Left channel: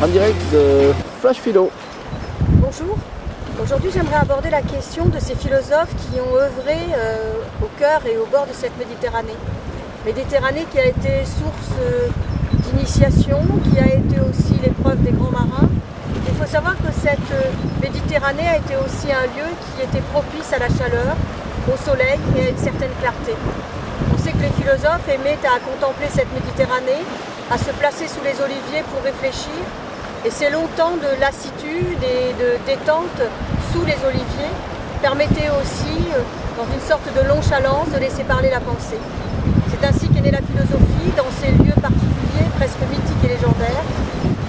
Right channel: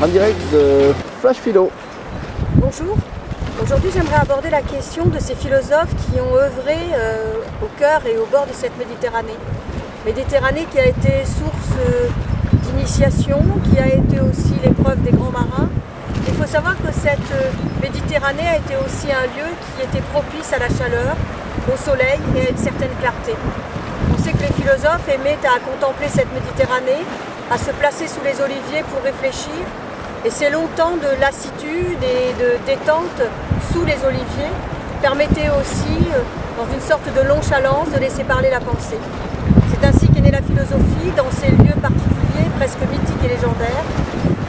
en direct de Flash Philo. Bonjour, aujourd'hui j'aimerais aborder la question de ces philosophes qui ont œuvré au cœur et au bord de cette Méditerranée. Méditerranée qui a été source d'initiation, qui a été aussi l'épreuve des grands marins. Il faut savoir que cette Méditerranée a été aussi un lieu qui était propice à la chaleur, au soleil et à une certaine clarté. On sait que les philosophes aimaient à contempler cette Méditerranée, à se placer sous les oliviers pour réfléchir. Et ces longs temps de lassitude et de détente sous les oliviers permettaient aussi, dans une sorte de nonchalance, de laisser parler la pensée. C'est ainsi qu'est née la philosophie dans ces lieux particuliers, presque mythiques et légendaires,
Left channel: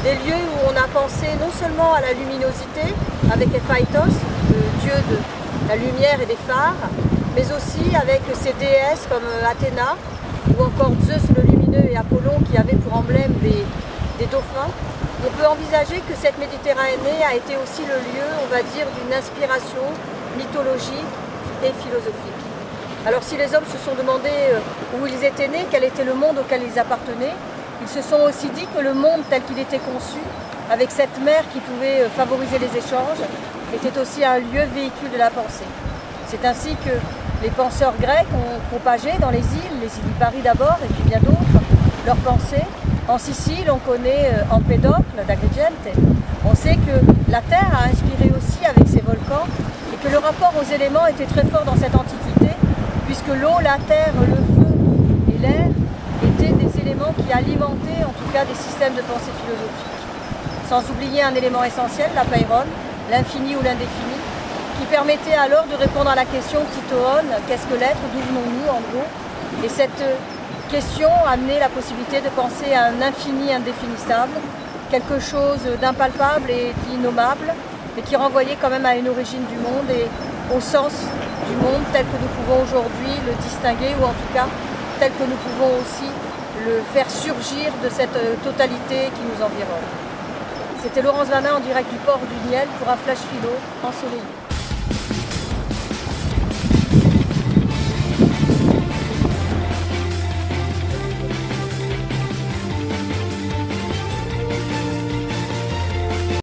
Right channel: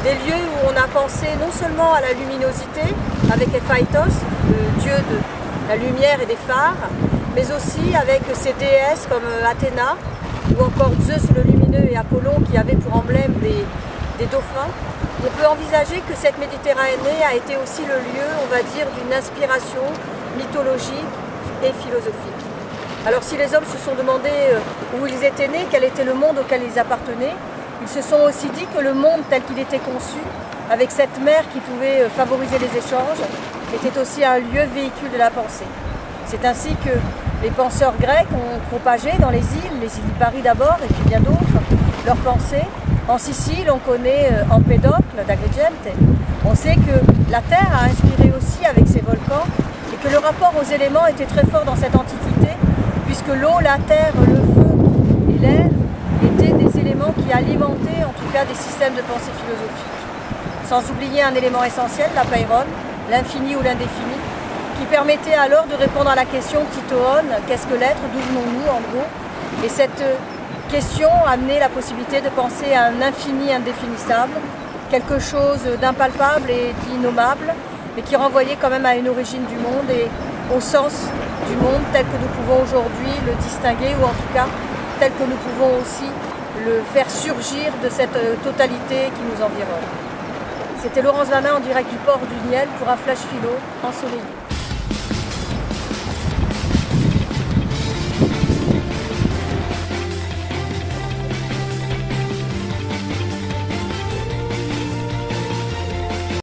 des lieux où on a pensé non seulement à la luminosité, avec Héphaïstos, le dieu de la lumière et des phares, mais aussi avec ses déesses comme Athéna, ou encore Zeus le lumineux et Apollon qui avaient pour emblème des dauphins. On peut envisager que cette Méditerranée a été aussi le lieu, on va dire, d'une inspiration mythologique et philosophique. Alors si les hommes se sont demandé où ils étaient nés, quel était le monde auquel ils appartenaient, ils se sont aussi dit que le monde tel qu'il était conçu, avec cette mer qui pouvait favoriser les échanges, était aussi un lieu véhicule de la pensée. C'est ainsi que les penseurs grecs ont propagé dans les îles Lipari d'abord et puis bien d'autres, leurs pensées. En Sicile, on connaît Empédocle d'Agrigente. On sait que la Terre a inspiré aussi avec ses volcans et que le rapport aux éléments était très fort dans cette antiquité, puisque l'eau, la terre, le feu et l'air étaient des éléments qui alimentaient en tout cas des systèmes de pensée philosophique. Sans oublier un élément essentiel, l'apeiron, l'infini ou l'indéfini, qui permettait alors de répondre à la question titoone, qu'est-ce que l'être, d'où venons-nous en gros. Et cette question a amené la possibilité de penser à un infini indéfinissable, quelque chose d'impalpable et d'innommable, mais qui renvoyait quand même à une origine du monde et au sens du monde tel que nous pouvons aujourd'hui le distinguer, ou en tout cas tel que nous pouvons aussi le faire surgir de cette totalité qui nous environne. C'était Laurence Vanin en direct du port du Niel pour un Flash Philo ensoleillé.